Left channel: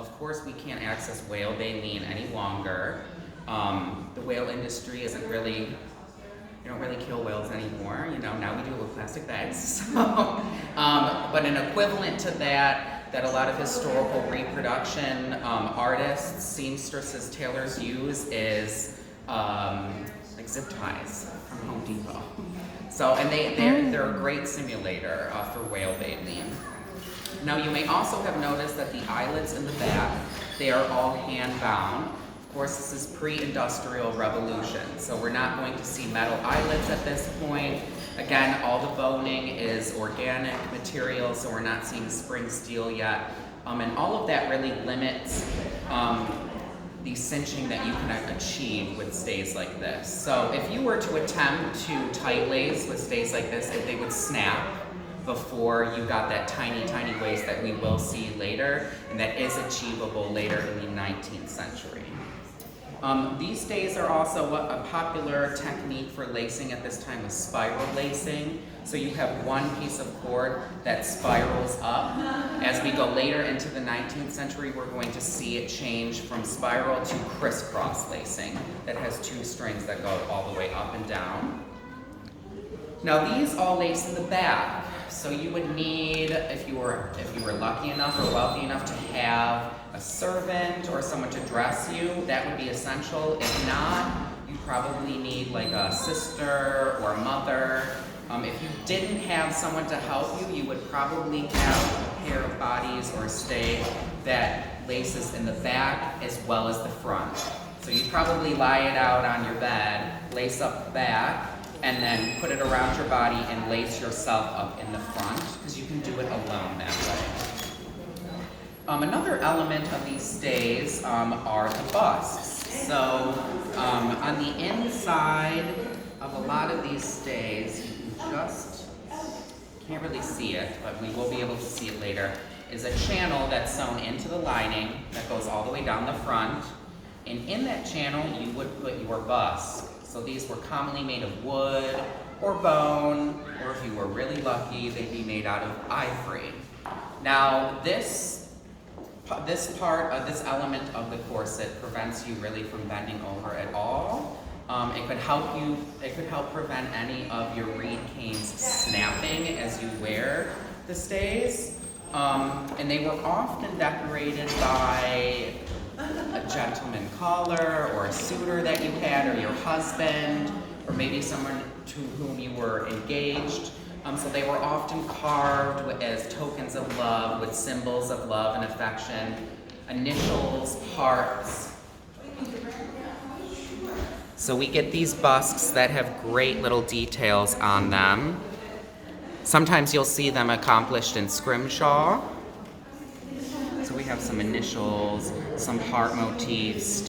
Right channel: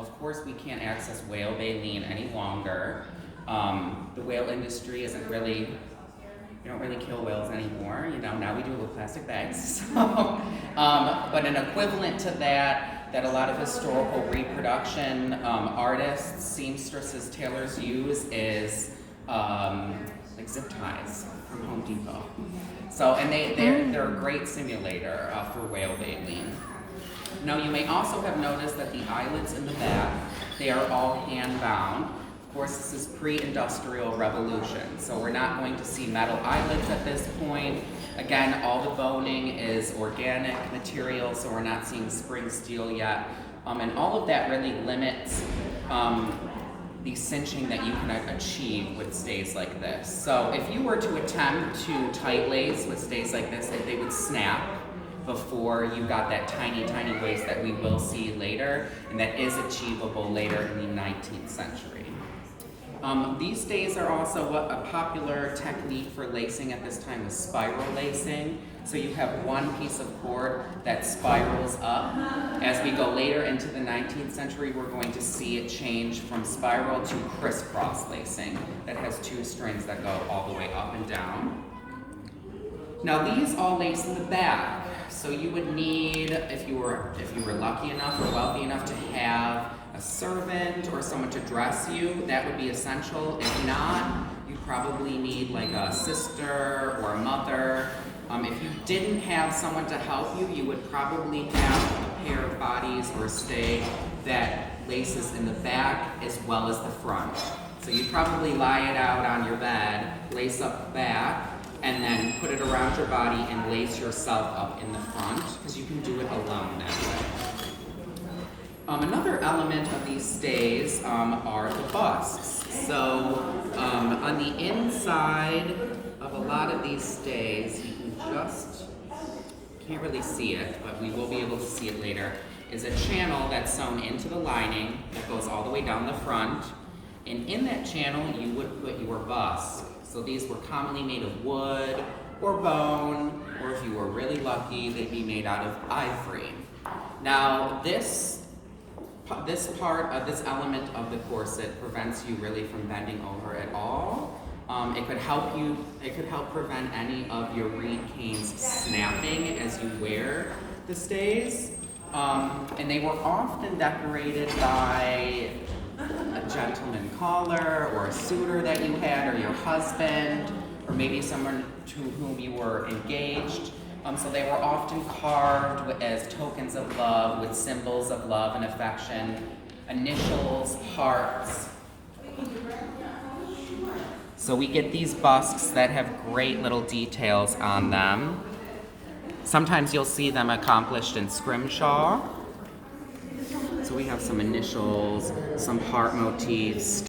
Of course, we can't access whale baleen any longer. The whale industry isn't really, we don't really kill whales anymore. Now we do with plastic bags. But an equivalent to that a lot of historical reproduction artists, seamstresses, tailors use is like zip ties from Home Depot. So, and they're a great simulator for whale baleen. Now, you may also have noticed that the eyelids in the back, they are all hand-bound. Of course, this is pre-industrial revolution, so we're not going to see metal eyelids at this point. Again, all the boning is organic material, so we're not seeing spring steel yet. And all of that really limits the cinching that you can achieve with stays like this. So if you were to attempt to tight lace with stays like this, they would snap before you got that tiny, tiny lace that we will see later, and that is achievable later in the 19th century. These days are also a popular technique for lacing at this time is spiral lacing. So you have one piece of cord that spirals up. As we go later into the 19th century, we're going to see it change from spiral to crisscross lacing that has two strings that go all the way up and down. Now these all lace in the back. So you would need, if you were lucky enough or wealthy enough to have a servant or someone to dress you, that would be essential. If not, you probably need like a sister or a mother. If you didn't have someone to help you, you would probably have a pair of bodies or a stay that laces in the back as well as the front. So you'd probably lie it out on your bed, lace up the back, and then put it around your body and lace yourself up in the front, because you can do it alone that way. Another element of these stays are the busts. So on the inside of a lot of these stays, you can can't really see it, but we will be able to see it later, is a channel that's sewn into the lining that goes all the way down the front. And in that channel, you would put your bust. So these were commonly made of wood or bone, or if you were really lucky, they'd be made out of ivory. Now, this element of the corset prevents you really from bending over at all. It could help prevent any of your reed canes snapping as you wear the stays. And they were often decorated by a gentleman caller or a suitor that you had, or your husband, or maybe someone to whom you were engaged. So they were often carved as tokens of love, with symbols of love and affection, initials, hearts. So we get these busts that have great little details on them. Sometimes you'll see them accomplished in scrimshaw. So we have some initials, some heart motifs,